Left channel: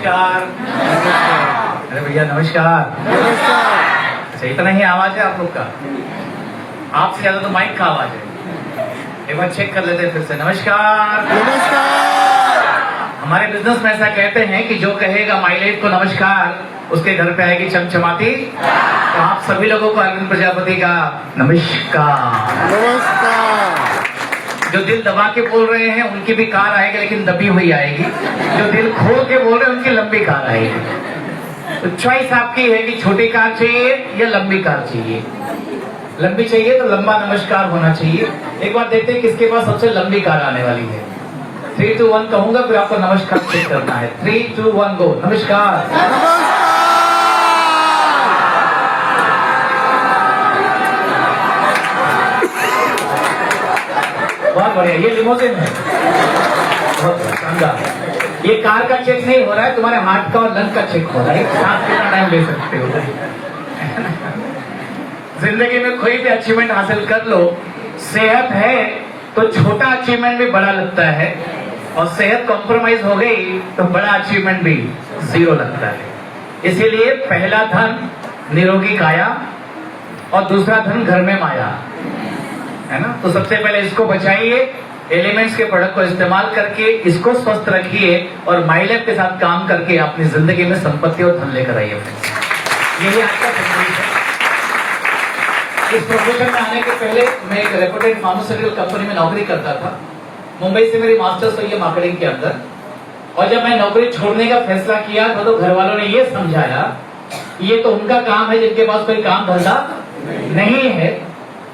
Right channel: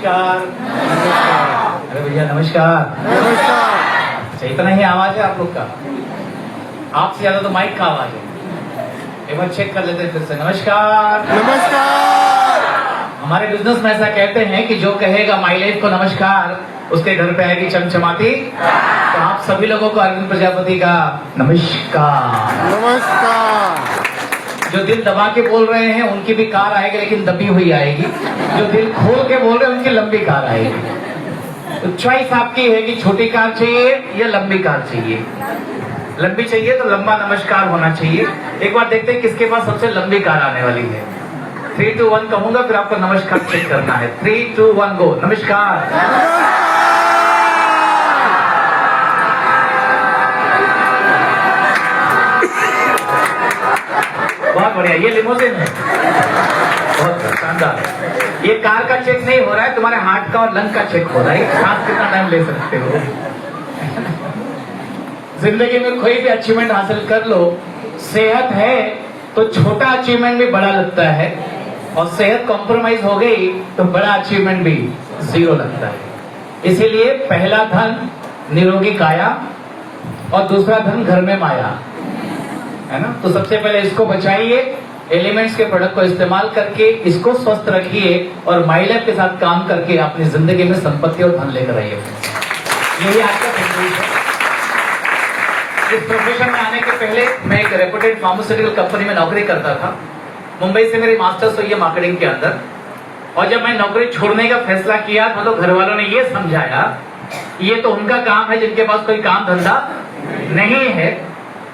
नमस्कार। अरे भैया नमस्कार। अच्छा इतना ही आवाज है आप लोग का? आपसे ज्यादा तो माइक का आवाज है। एक बार चेक कर लेते हैं फिर से। नमस्कार। हमारे बिजनेस में ऐसा कहते हैं कि जो कहेगा माइलेज को नमस्कार, उसके घर पे आएगी चमचमाती। तो आप सभी लोगों को अरविंद प्रजापति का नमस्कार। जो दिल दबा के बोल रहे हैं उनकी भी कार आएगी, लेकिन दबी हुई आएगी। जो दिल खोल के बोल रहे हैं उनकी लंबी कार आएगी। तो चॉइस आपकी है कि छोटी कार चाहिए या लंबी कार चाहिए। लंबी चाहिए तो लंबा नमस्कार होना चाहिए। एक बार देखते हैं किसके पास सबसे लंबी कार आने वाली है। 3, 2, 1 कहूंगा, फिर आपको नमस्कार चेक करना है। 3, 2, 1 गो। नमस्कार। बहुत बढ़िया। ये लिमोजिन है, बहुत शानदार। ये कार का चेक नहीं हो रहा है, तुम्हारे हार्ट का और लंग का चेक हो रहा है। आप कितना टाइम ले सकते हो। जिंदगी में कोई भी अचीवमेंट हासिल कर लो, सेहत है तो छोटा अचीवमेंट भी बड़ा लगता है, और सेहत कॉम्प्रोमाइज हो गई तो बड़ा अचीवमेंट भी जीरो लगता है। इसीलिए पहला धन निरोगी काया और दूसरा धन घर में माया, है ना। तो सबसे पहले इसको बचाइए, एलिमेंट्स के प्रोडक्ट को इस्तेमाल करके इसको स्वस्थ रखिए, और माइलेज के साथ काम करके अपनी जिंदगी में संपत्ति और धन लेकर आइए। यही आपका संदेश है। इस प्रोफेशन में आने के पहले मैं एक रेपुटेड फार्मास्यूटिकल कंपनी में नौकरी करता था। मुंबई से मेरी मास्टर्स हुई है मार्केटिंग के अंदर। और जब मैं नौकरी छोड़ने का फैसला किया तो घर वालों ने ये समझाया ये तो उनका काम है जिनके पास कोई काम धंधा नहीं है।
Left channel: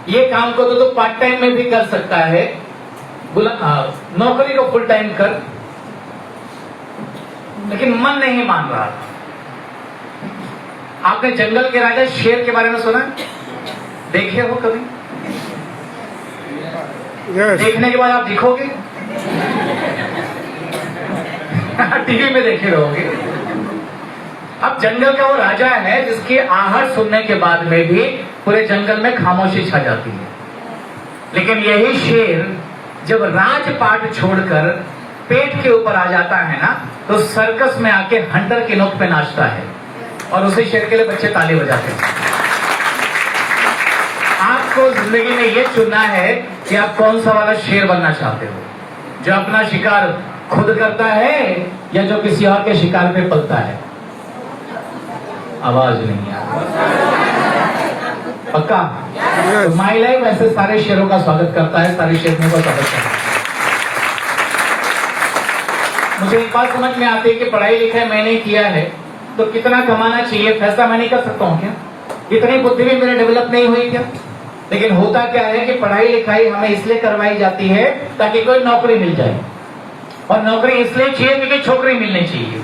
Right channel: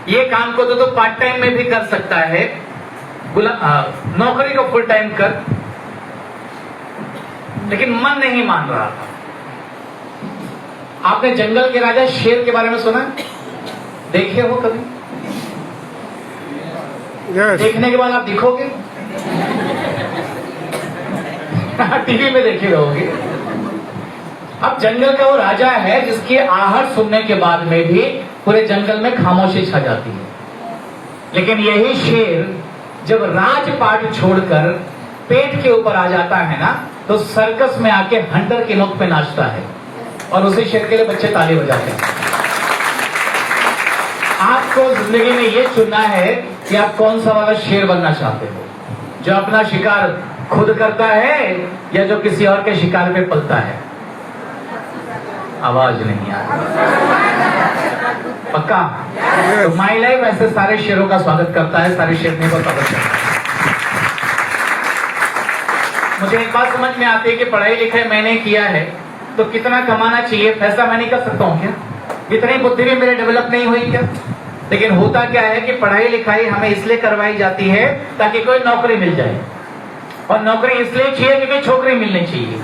ये काम को तो पार्ट टाइम में भी कर सकता है, नौकरी को फुल टाइम कर। लेकिन मन नहीं मान रहा। आपने जंगल के राजा शेर के बारे में सुना? देखे हो कभी? yes. देखने के बाद आप दिखोगे? टीवी में देखे रहोगे। अब जंगल का वो राजा है जिसकी आहट सुनने के बाद में भी पूरे जंगल में खामोशी छा जाती है। लेकिन यही शेर जब राजपाट छोड़कर पेट के ऊपर आ जाता है ना, तो सर्कस में आके हंटर की नोक पे नाचता है, और उसी शेर के लिए बच्चे ताली बजाते हैं। आपको जिंदगी में ये चुनना है कि आप कौन सा वाला शेर बनना चाहते हो, जो अपना शिकार खुद करता है या जो किसी और के शिकार पे पलता है। आवाज नहीं आ पक्का? तो माई लाइफ ऐसे सारे शेरों का स्वागत करता है, सारी शेरनी का स्वागत करता है। मुझे एक बात समझ में आती है कि पढ़ाई लिखाई मैंने किया है तो कितना कमाना चाहिए फैसला मैं नहीं कर सकता हूँ क्या? इतनी बुद्धि भी मेरे डेवलप नहीं हुई क्या? लेकिन होता क्या है कि पढ़ाई लिखाई हमें इसलिए करवाई जाती है ताकि कोई नौकरी मिल जाए, और नौकरी इसलिए चाहिए क्योंकि छोकरी मिलनी चाहिए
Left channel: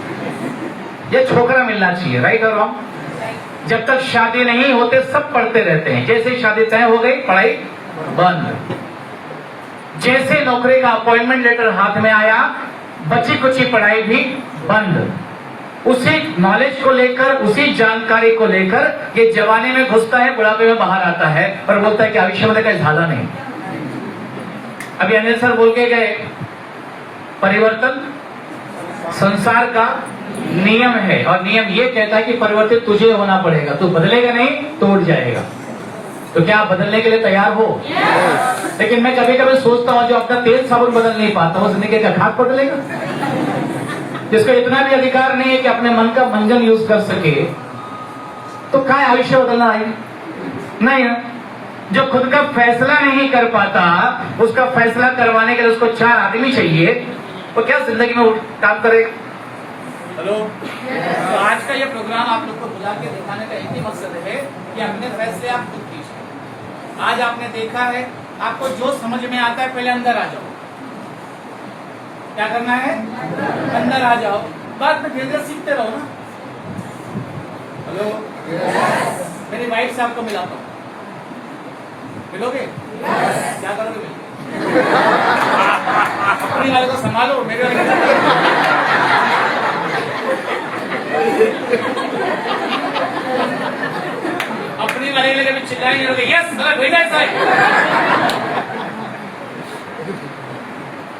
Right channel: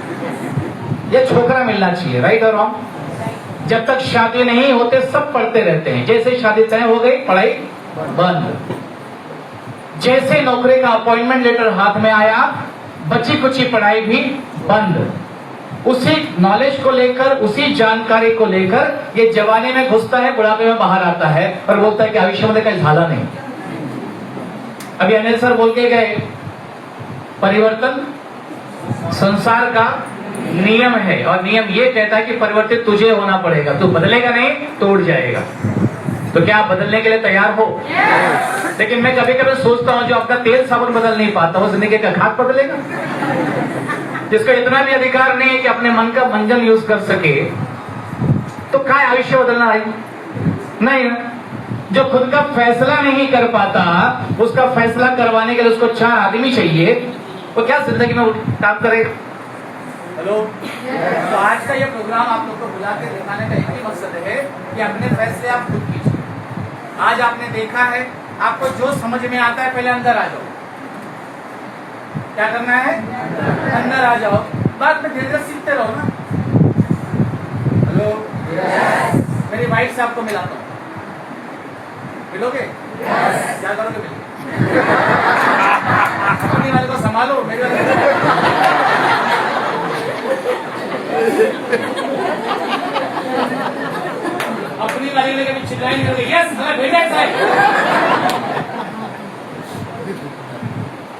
या छोकरा मिलना चाहिए। राइट और रॉन्ग? जब तक शादी नहीं होते सब पढ़ते रहते हैं, जैसे शादी तय हो गई पढ़ाई बंद। जैसे नौकरी का अपॉइंटमेंट लेटर हाथ में आया बची कुची पढ़ाई भी बंद। उसी नॉलेज को लेकर, उसी जानकारी को लेकर ये जवानी में घुसता है, बुढ़ापे में बाहर आता है और बोलता है कि आयुष्य का झाला नहीं। अभी अनिल सर बोल के गए, परिवर्तन संसार का नियम है, और नियम ये कहता है कि परिवर्तित तुझे होना पड़ेगा। तू बदलेगा नहीं तो उड़ जाएगा। तो क्या आप बदलने के लिए तैयार हो? लेकिन मैं कभी कभी सोचता हूँ जो अपना तेल साबुन बदल नहीं पाता वो जिंदगी का खाद बदलेगा? जिसको इतना भी अधिकार नहीं है कि अपने मन का मंजन यूज कर सके, तो क्या आयुष्य बदलना है? नहीं ना। जो खुद का फैसला नहीं कर पाता, उसका फैसला करवाने के लिए उसको 4 आदमी चाहिए, तो क्या जिंदगी में काम करे? हेलो। तो आज का ये प्रोग्राम आप लोग को बुला के दिखाने का एक ही मकसद है कि अपने फैसले आप खुद कीजिए। आज आपने देखा है, आपको जो समझ में आता है पहले अंदर आ जाओ। क्या करना है? अंदर आ जाओ, बाद में धीरे धीरे सीखते रहो ना। हेलो। मेरी वाइफ से आपको मिलाता हूँ, मिलोगे? क्या करोगे मिल? अपनी वाले को संभालो, मेरे वाले को अपनी वाले लगे में चिल्लाए नहीं होगे। यस भेजा साहब,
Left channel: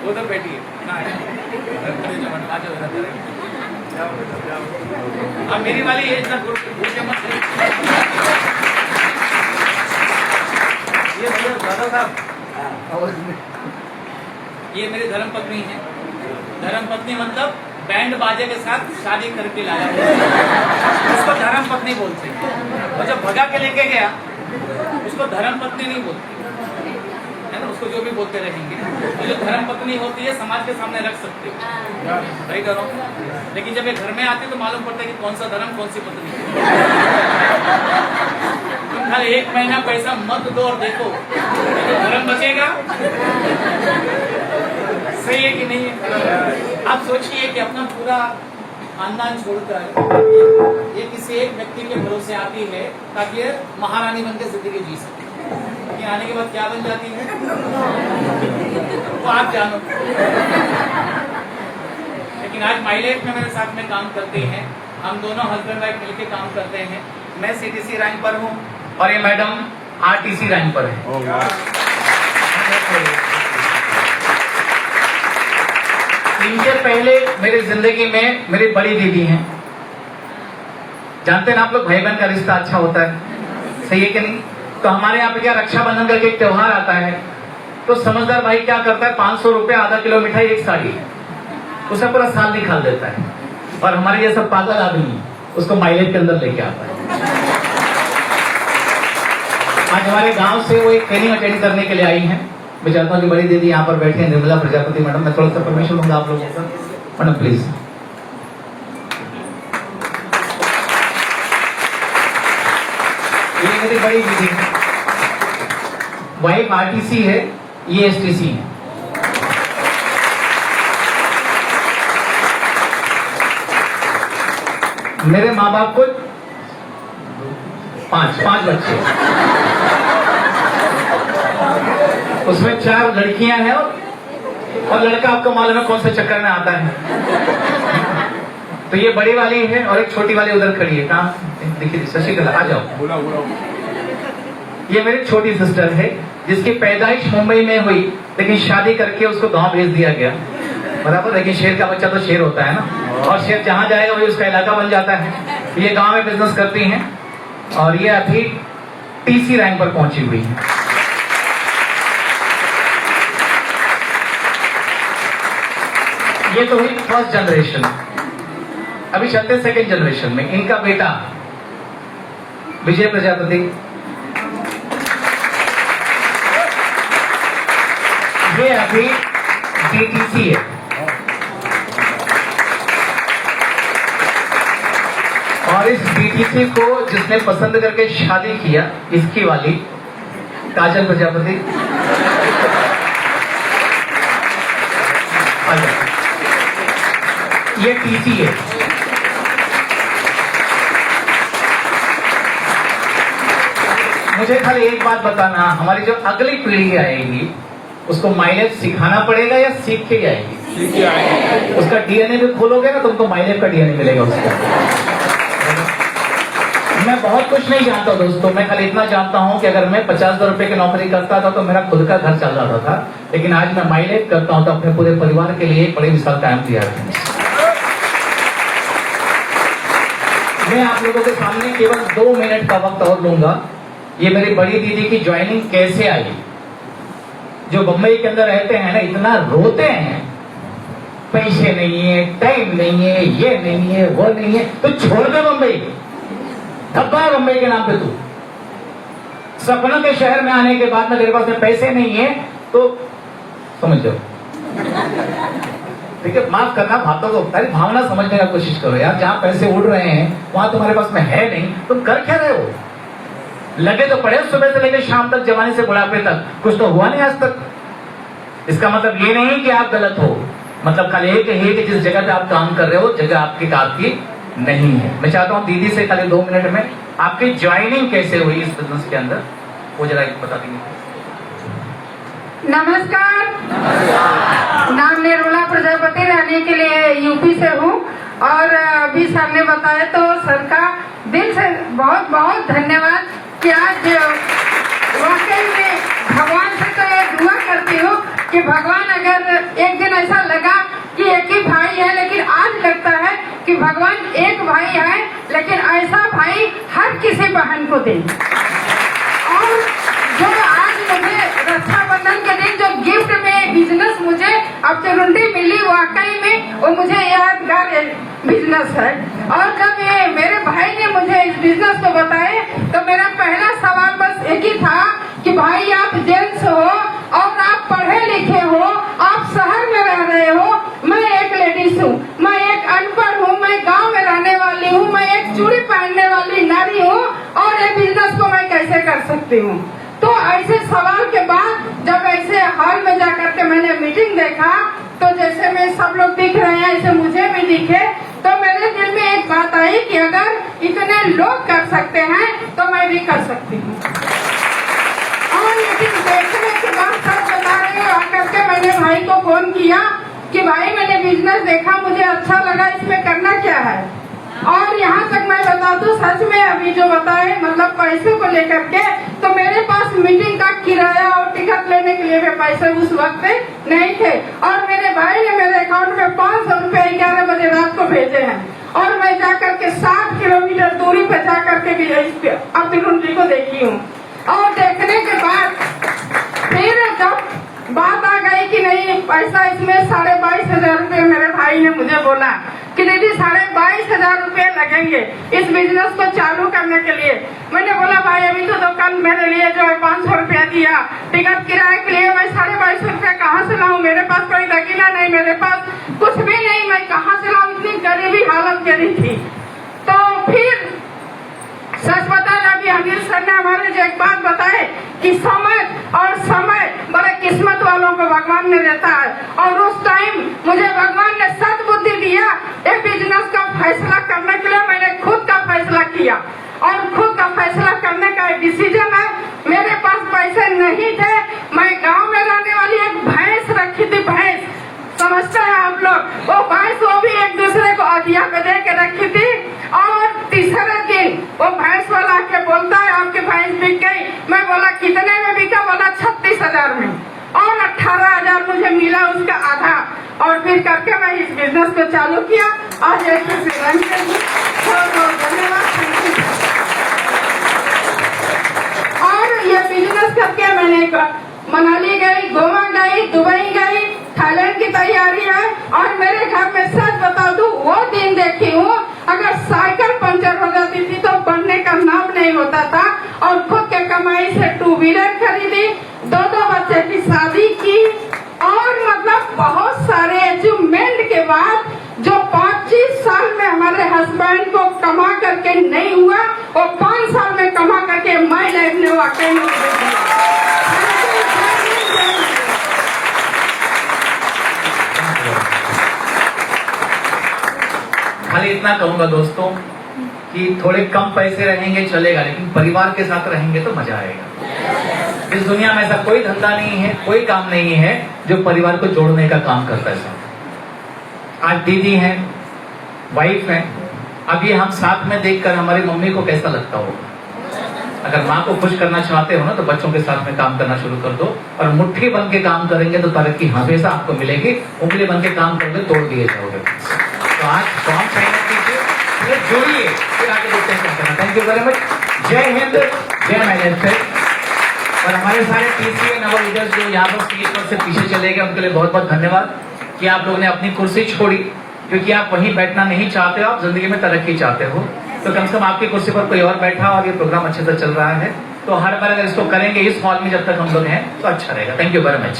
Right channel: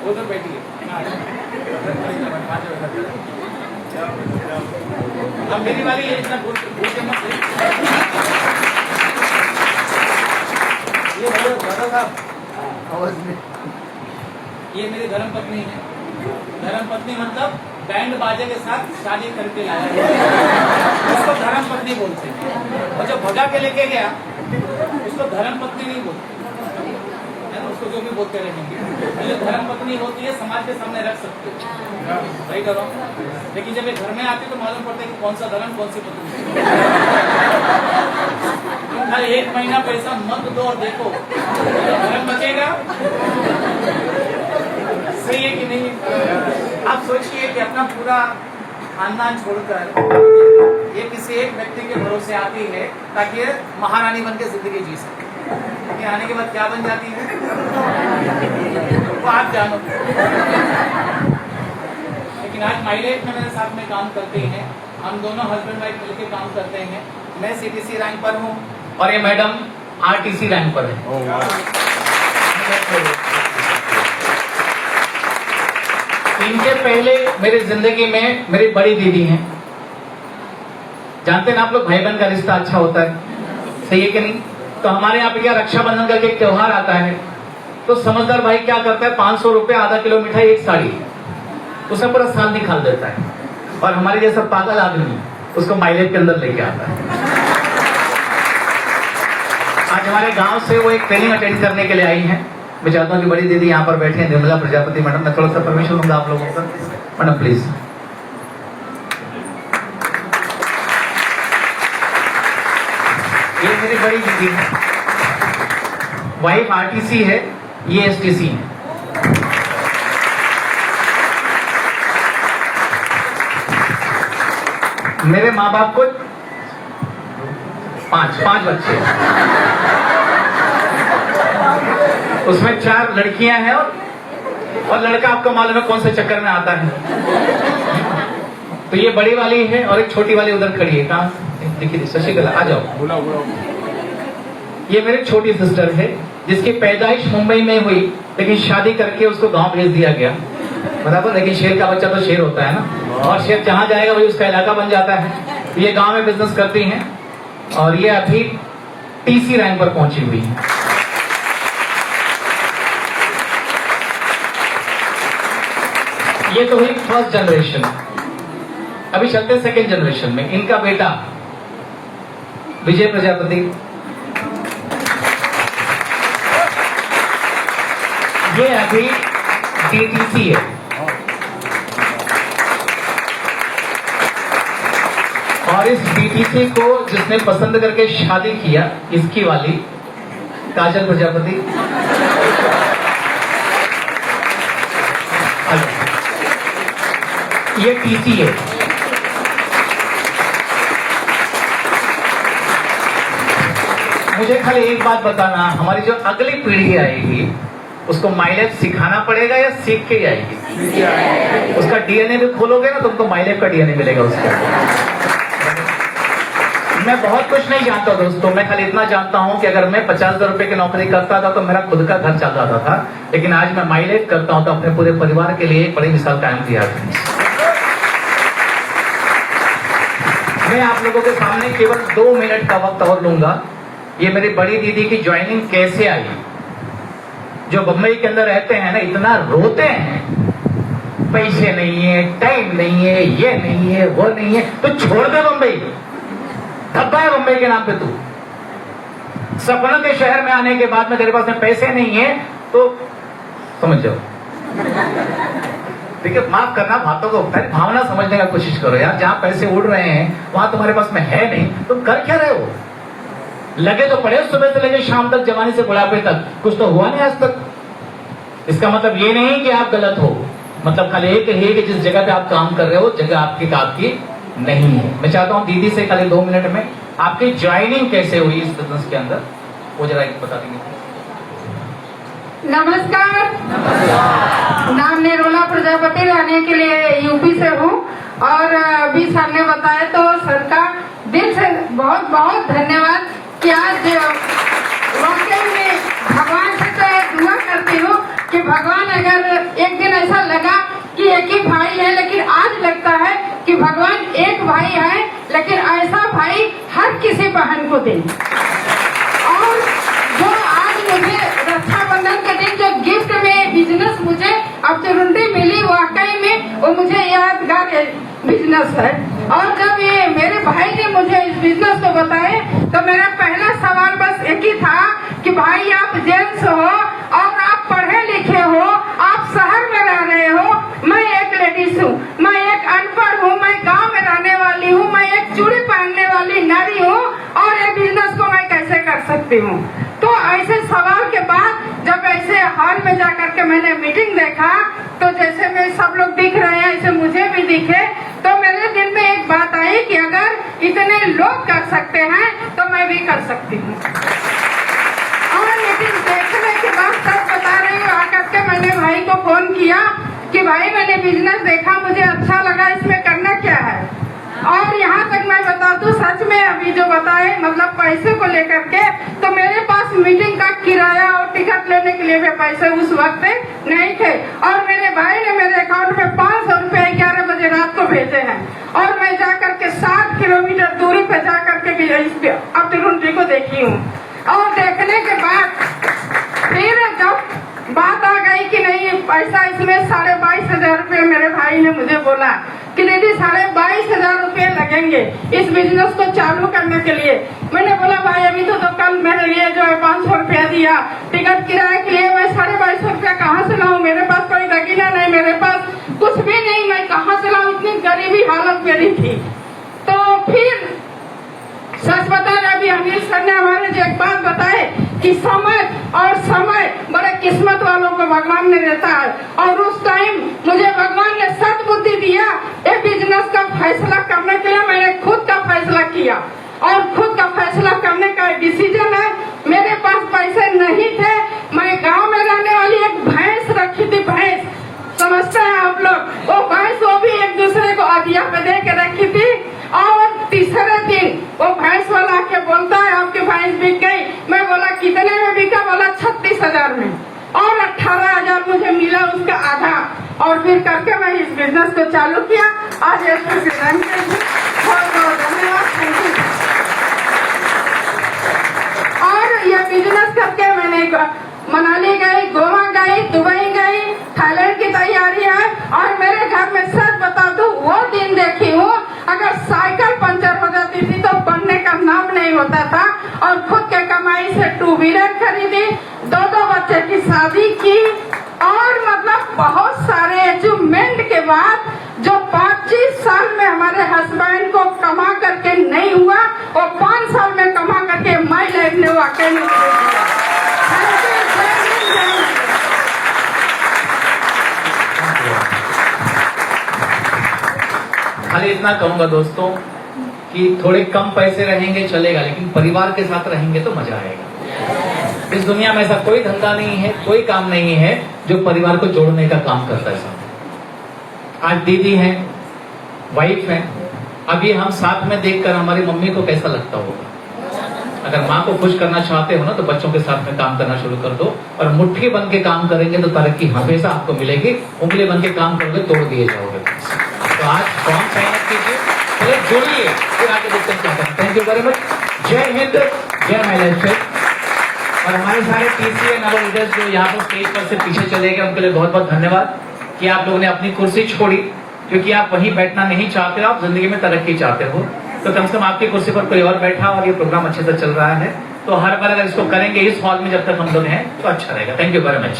वो तो बैठी है ना, खड़े जाओ, अब मेरी वाली है, इतना भूल के मत। ये भैया दादा साहब, ये मेरी धर्म पत्नी है। धर्म पत्नी मतलब बैंड बाजे के साथ शादी करके लाया हुआ, उसको धर्म पत्नी बोलते हैं। और जब भगा के लेके गया उसको धर्म पत्नी नहीं बोलती है ना, उसको जो भी बोलते रहेंगे। तो जो धर्म पत्नी होती है समाज के सामने रख सकते हो, सही करो। लेकिन जब ये घर में आती तो मालूम पड़ता है कि कौन सा धर्म कौन सी पत्नी। तुम खाली 1 महीना पैसा मत दो और देखो तो धर्म बचेगा। सही है कि नहीं है? आप सोचिए कि अपना पूरा खानदान छोड़कर ये किसी एक व्यक्ति के भरोसे आती है ताकि ये महारानी बन के जिंदगी जी सके, लेकिन आने के बाद क्या बन जाती है वो आप जानो। लेकिन आज माइलेज में मेरे साथ में काम करते हैं, हम दोनों हस्बैंड वाइफ मिलकर काम करते हैं। मैं सीटीसी रैंक पर हूँ और ये मैडम आरटीसी रैंक पर है। इनके पहले मेरी जिंदगी में मेरी बड़ी दीदी हैं। जानते हैं ना आप लोग, भाई बहन का रिश्ता अच्छा होता है, सही है कि नहीं? तो हमारे यहाँ पे क्या रक्षाबंधन का एक त्योहार आता है तो समझदार भाई क्या करता है, 500 रुपए, आधा किलो मिठाई, एक साड़ी, उसे पूरा साल निकाल देता है। और हमारे जैसा पागल आदमी उसको माइलेज के अंदर लेके आता है। आज हमारे गांव से वो एक ट्रेनिंग अटेंड करने के लिए आई हैं। मैं चाहता हूँ कि बड़ी दीदी यहाँ पर बैठी हैं, निर्मला प्रजापति मैडम। मैं थोड़ा सा परमिशन दूंगा आप लोगों को, मैडम प्लीज। ये मेरी बड़ी दीदी है, वाइफ आरटीसी है, ये एसटीसी है। मेरे माँ बाप को पांच बच्चे, उसमें 4 लड़कियां हैं और लड़का आपको मालूम है कौन से चक्कर में आता है। तो ये बड़ी वाली है और एक छोटी वाली उधर खड़ी है। कहाँ देखिए, शशिकला आ जाओ। बुलाओ। ये मेरी छोटी सिस्टर है जिसकी पैदाइश मुंबई में हुई, लेकिन शादी करके उसको गांव भेज दिया गया, बराबर। लेकिन शेर का बच्चा तो शेर होता है ना, और शेर जहां जाएगा वही उसका इलाका बन जाता है। ये गांव में बिजनेस करती हैं और ये अभी टीसी रैंक पर पहुंची हुई है। ये तो हुई फर्स्ट जनरेशन, अभी चलते सेकेंड जनरेशन में। इनका बेटा विजय प्रजापति, ये अभी डीटीसी है। और इस डीटीसी को जिसने पसंद करके शादी किया, इसकी वाली काजल प्रजापति। ये टीसी है। मुझे खाली एक बात बताना, हमारी जो अगली पीढ़ी आएगी उसको माइलेज सिखाना पड़ेगा या सीख के जाएगी? सीख के आएगी। उसका डीएनए भी खोलोगे ना, तुमको माइलेज का डीएनए मिलेगा उसको। मैं बहुत कुछ नहीं जानता दोस्तों, मैं खाली इतना जानता हूं कि अगर मैं 50,000 रुपए की नौकरी करता था तो मेरा खुद का घर चल जाता था, लेकिन आज मैं माइलेज करता हूं तो अपने पूरे परिवार के लिए एक बड़ी मिसाल कायम किया है। मैं आप लोगों के सामने केवल 2 मिनट का वक्त और लूंगा। ये मेरी बड़ी दीदी की ज्वाइनिंग कैसे आई। जो बम्बई के अंदर रहते हैं ना, इतना रोते हैं, पैसे नहीं है, टाइम नहीं है, ये नहीं है, वो नहीं है, तो छोड़ दे बम्बई। धब्बा है बम्बई के नाम पे तू। सपनों के शहर में आने के बाद में तेरे पास में पैसे नहीं है तो समझ जाओ। देखिए, माफ करना, बातों को पहले भावना समझने का कोशिश करो यार। जहां पैसे उड़ रहे हैं वहां तुम्हारे पास में है नहीं, तुम कर क्या रहे हो? लगे तो पड़े सुबह से लेकर शाम तक, जवानी से बुढ़ापे तक, कुछ तो हुआ नहीं आज तक। इसका मतलब ये नहीं कि आप गलत हो, मतलब खाली एक है कि जिस जगह पे आप काम कर रहे हो जगह आपकी नहीं है। मैं चाहता हूँ दीदी से खाली 2 मिनट में आपकी ज्वाइनिंग कैसे हुई इस बिजनेस के अंदर, वो जरा बता देंगे। नमस्कार, नाम निर्मला प्रजापति, रहने के लिए यूपी से हूँ। और अभी सर ने बताया तो सर का दिल से बहुत बहुत धन्यवाद कि आज वाकई में भगवान से तो एक दुआ करती हूँ कि भगवान, अगर एक दिन ऐसा लगा कि एक ही भाई है, लेकिन आज लगता है कि भगवान एक भाई है, लेकिन ऐसा भाई हर किसी बहन को दे। और जो आज मुझे रक्षाबंधन के दिन जो गिफ्ट में बिजनेस मुझे अपॉर्चुनिटी मिली, वाकई में वो मुझे यादगार बिजनेस है। और जब ये मेरे भाई ने मुझे इस बिजनेस को बताए तो मेरा पहला सवाल बस एक ही था कि भाई आप जेंट्स हो और आप पढ़े लिखे हो, आप शहर में रह रहे हो, मैं एक लेडीज हूँ, मैं एक अनपढ़ हूँ, मैं गांव में रहने वाली हूँ, मैं एक चूड़ी पहनने वाली नारी हूँ, और ये बिजनेस को मैं कैसे कर सकती हूँ। तो ऐसे सवाल के बाद जब ऐसे हॉल में जाकर के मैंने मीटिंग देखा, तो जैसे में सब लोग दिख रहे हैं ऐसे मुझे भी दिखे, तो मेरे दिल में एक बात आई कि अगर इतने लोग कर सकते हैं तो मैं भी कर सकती हूँ। और लेकिन देखने के बाद सब बता रहे हैं, आकर के मैंने भाई को फोन किया कि भाई मैंने बिजनेस देखा, मुझे अच्छा लगा, इसमें करना क्या है। और यहाँ तक मैं बता दूं, सच में अभी जो बताए मतलब पैसे को लेकर के, तो मेरे पास मीटिंग का किराया और टिकट लेने के लिए भी पैसे उस वक्त नहीं थे। और मेरे भाई ने मेरे अकाउंट में 500 रुपए 11 बजे रात को भेजे हैं, और मैं जाकर के 7 किलोमीटर दूरी पे जाकर के भी अपनी कुंडली को देखी हूँ। और देखने के बाद फिर जब बात आ गई कि नहीं पैसा, इसमें 22,500 रुपए मेरे भाई ने मुझे बोला कि दीदी 22,500 रुपए लगेंगे इस बिजनेस को चालू करने के लिए। मैंने बोला भाई अभी तो कल मेरे लिए जो है 500 रुपया दिया टिकट किराए के लिए, मैं 22,500 रुपया कहाँ से लाऊं, मेरे पास कोई दकीना नहीं, मेरे पास कुछ भी नहीं, मैं कहाँ से लाऊं, इतनी गरीबी हालत मेरी थी। तो फिर सच बता रहे, अभी अनिल सर ने हमारे जो एक बात बताए कि समय बड़े किस्मत वालों को भगवान ने देता है, और उस टाइम मुझे भगवान ने सद्बुद्धि दिया। एक बिजनेस का फैसला करने के लिए मैंने खुद का फैसला किया, और खुद का फैसला करने का डिसीजन है। मेरे पास पैसे नहीं थे, मैं गांव में रहने वाली एक भैंस रखी थी, भैंस समझते हैं आप लोग, वो भैंस वो भी एक दूसरे को अधिया पे दे के रखी थी। और तीसरे दिन वो भैंस वाला आके बोलता है आपकी भैंस बिक गई। मैं बोला कितने में बिका, बोला 36,000 में, और 18,000 मुझे मिला उसका आधा। और फिर करके मैं इस बिजनेस को चालू किया। आज और ये बिजनेस करके मैंने मनाली गई, गोवा गई, दुबई गई, थाईलैंड की तैयारी है। और मेरे घर में सच बता दूं, वो दिन देखी हूँ अगर साइकिल पंचर हो जाती थी तो पढ़ने का नाम नहीं होता था। और खुद के कमाई से 2 व्हीलर खरीदी, 2 बच्चे की शादी की, और मतलब बहुत सारे अचीवमेंट के बाद जो 25 साल में हमारे हस्बैंड को कमा करके नहीं हुआ, वो 5 साल में कमा करके मैं देखने वाकई खाली इतना कहूंगा दोस्तों कि थोड़े कम पैसे रहेंगे चलेगा, लेकिन परिवार के साथ रहेंगे तो मजा आएगा। इस दुनिया में ऐसा कोई धंधा नहीं है, कोई काम नहीं है जो परिवार को जोड़ने का काम करता है साथ। आज दीदी हैं, वाइफ हैं, अभी हम साथ में देखकर हमारी मम्मी को कैसा लगता होगा। अगर माँ को खुश करना चाहते हो ना तो बच्चों के साथ में काम करना शुरू कर दो, और मुट्ठी बन के काम करेंगे तो तरक्की हमेशा आपको मिलेगी। उंगली बन के काम करोगे तोड़ दिए जाओगे। तो आज फॉर्म साइन अप कीजिए, पहले जोड़िए, फिर आगे देखते हैं क्या करना। Thank you very much. जय हिंद, जय महिला। और हमारे सारे पीसीए नव लीडर्स जो यहाँ पर स्टेज पर से पीछे चले गए, उनके लिए बहुत बहुत धन्यवाद कि आप लोगों ने अपनी कुर्सी छोड़ी, क्योंकि आप वहीं बैठना नहीं चाहते हो, आप जिंदगी में तरक्की चाहते हो। तो कम से कम आपकी कुर्सी पर कोई और बैठा और ये प्रोग्राम अच्छे से चल रहा है, तो हर बार अगर इसको करेंगे इस हॉल में जब तक हम लोग हैं तो अच्छा रहेगा। Thank you very much.